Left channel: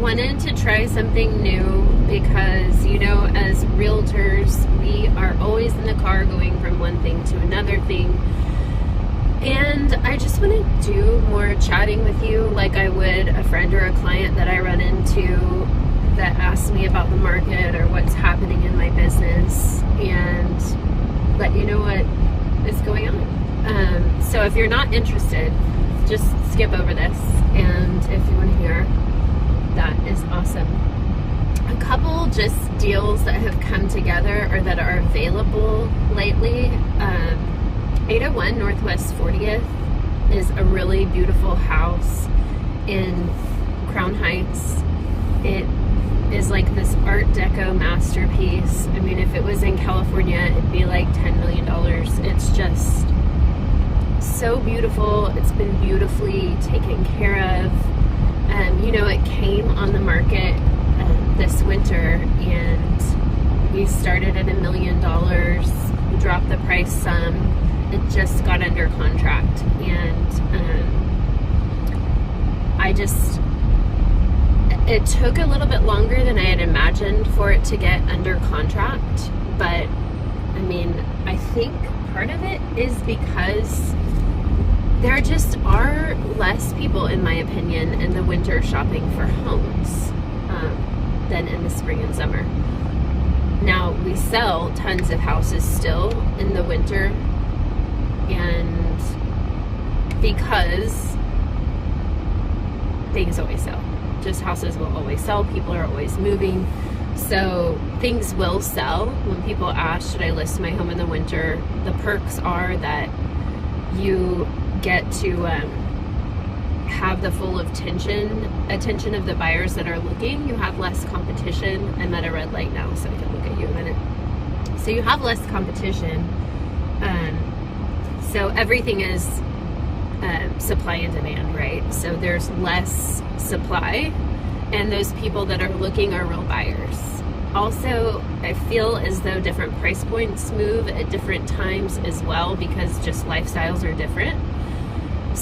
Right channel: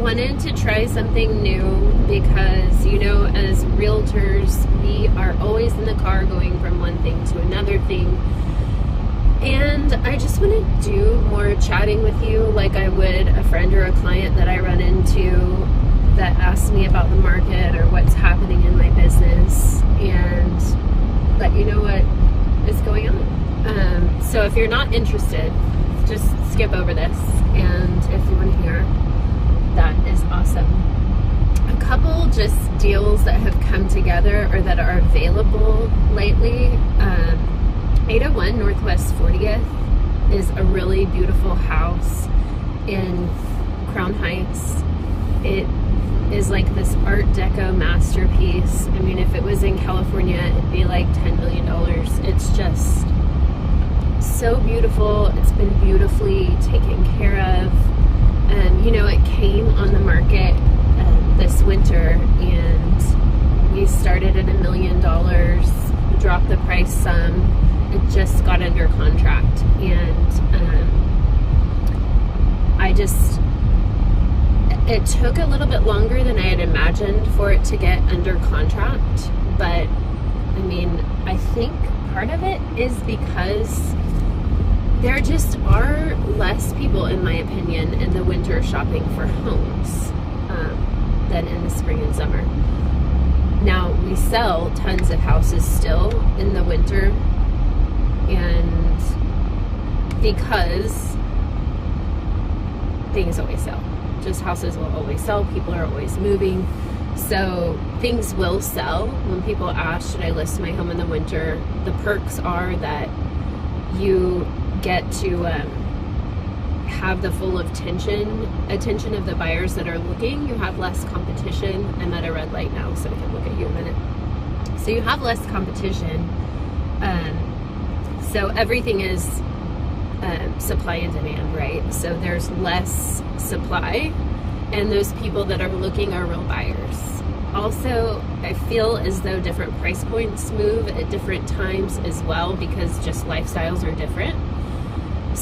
wanted to try something new because, you know, as realtors, we are always in the car going from one thing to another thing. And I just want to do more chatting with you like I would a friend or a client that I run into that asks me about the market or what's happening in my business, and let you know what is going on. So if you're not interested, just skip over this. And if you want to hear, that is awesome. A couple just deals that have come together or that are available lately. 801 Northwest 40th is a really beautiful house in Crown Heights. It is like this Art Deco masterpiece. I mean, if it was in California, it'd be like $10 million. It's just so beautiful. It's been beautifully taken care of. You know, it came on the market this winter, and we started at $1 million, dropped the price some. It just got under contract, and it took a little bit longer than I had imagined for it to get under contract. But I mean, I think part of it is because there just are less people, in my opinion, in the winter shopping for homes than in the spring and summer. Now, we sell tons of houses still in the winter, and because things always sell. Just houses will always sell. People are always moving. So things will sell. When people ask, should I list my home in the winter? The perks are that you get to have the full attention of the buyers that are looking. You have less competition. I'm at a red light now, so I can look at you a minute. So you have less competition. So everything is supply and demand, right? So there's less supply, and those people that are looking are real buyers. Also, I feel as though different price points move at different times as well, because just lifestyles are different.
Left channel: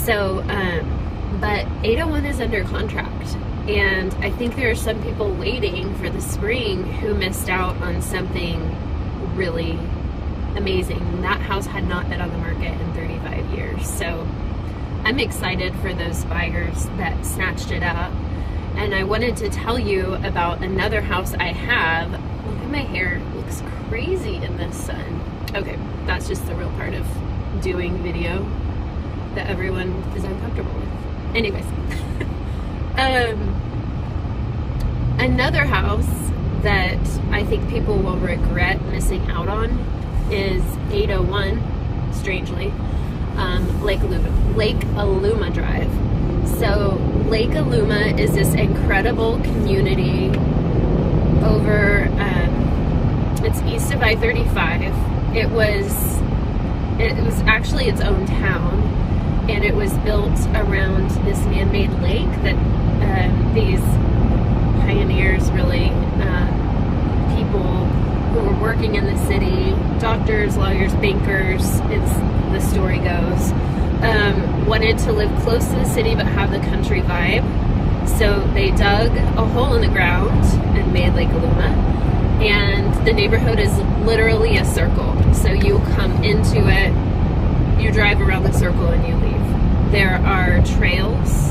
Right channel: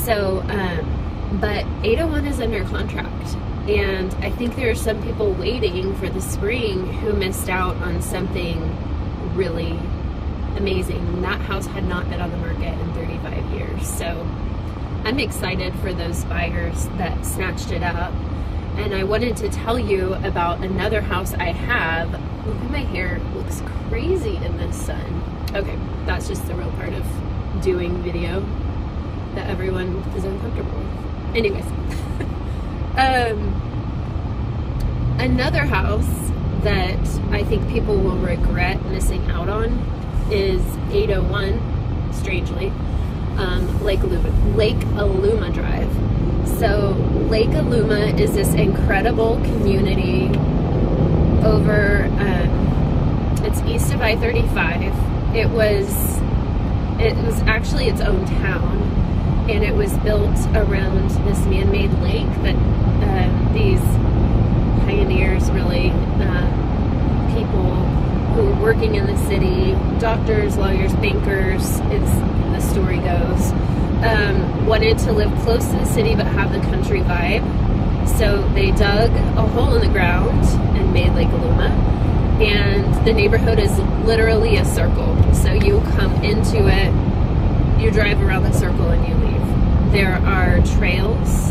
So, but 801 is under contract, and I think there are some people waiting for the spring who missed out on something really amazing. That house had not been on the market in 35 years. So I'm excited for those buyers that snatched it up. And I wanted to tell you about another house I have. Look at my hair, it looks crazy in the sun. Okay, that's just the real part of doing video that everyone is uncomfortable with. Anyways, another house that I think people will regret missing out on is 801, strangely, Lake Aluma Drive. So Lake Aluma is this incredible community over, it's east of I-35. It was actually its own town, and it was built around this man-made lake that these pioneers, really, people who were working in the city, doctors, lawyers, bankers, the story goes, wanted to live close to the city but have the country vibe. So they dug a hole in the ground and made Lake Aluma. And the neighborhood is literally a circle. So you come into it, you drive around the circle, and you leave. There are trails.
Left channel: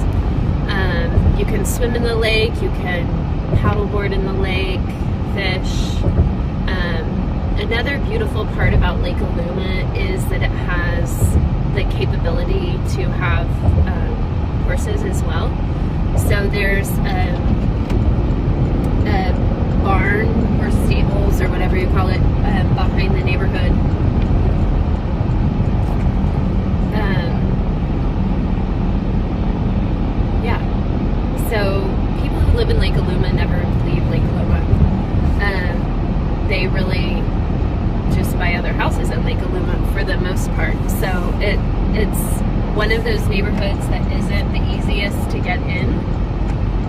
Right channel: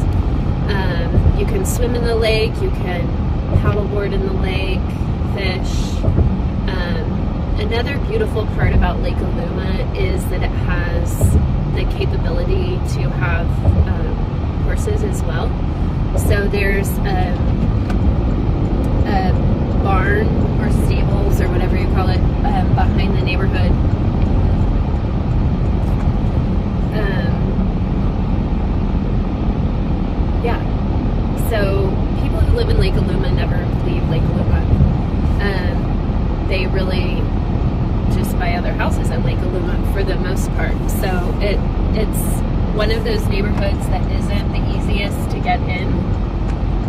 You can swim in the lake, you can paddleboard in the lake, fish. Another beautiful part about Lake Aluma is that it has the capability to have horses as well. So there's a barn or stables or whatever you call it behind the neighborhood. Yeah, so people who live in Lake Aluma never leave Lake Aluma. They really just buy other houses in Lake Aluma for the most part. So it's one of those neighborhoods that isn't the easiest to get in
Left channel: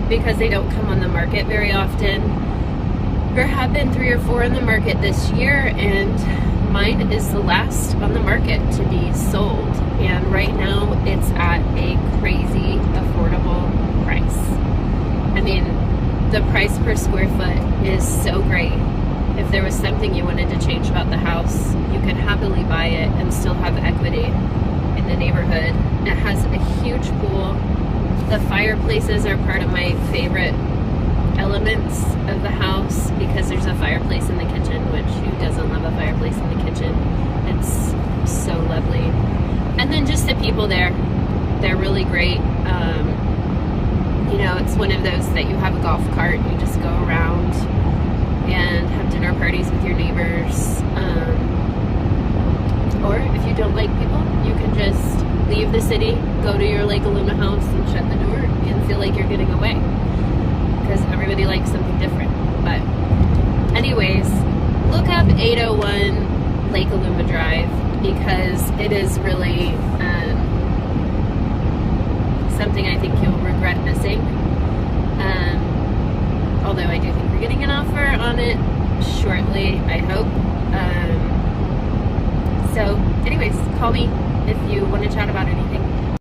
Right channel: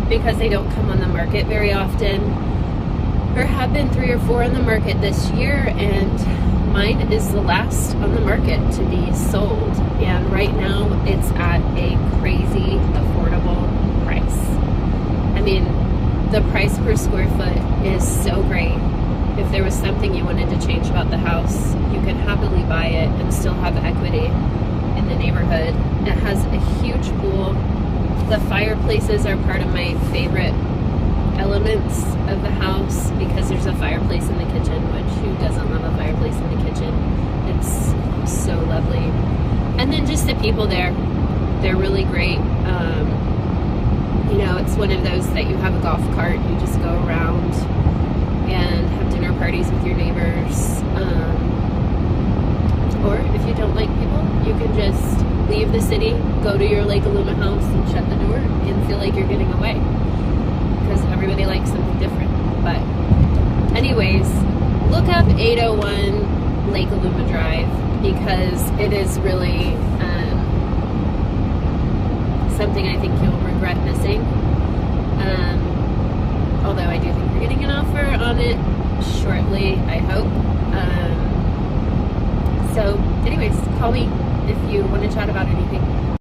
because they don't come on the market very often. There have been 3 or 4 on the market this year, and mine is the last on the market to be sold. And right now it's at a crazy affordable price. I mean, the price per square foot is so great. If there was something you wanted to change about the house, you could happily buy it and still have equity in the neighborhood. It has a huge pool. The fireplaces are part of my favorite elements of the house because there's a fireplace in the kitchen, which who doesn't love a fireplace in the kitchen? It's so lovely. And then just the people there, they're really great. You know, it's one of those that you have a golf cart, you just go around and have dinner parties with your neighbors. Or if you don't like people, you can just leave the city, go to your Lake Aluma house and shut the door and feel like you're getting away. Because everybody likes something different. But anyways, look up 801 Lake Aluma Drive because it is really something I think you'll regret missing. Although I do think we're getting an offer on it shortly, I hope. So anyways, call me if you want to chat about anything.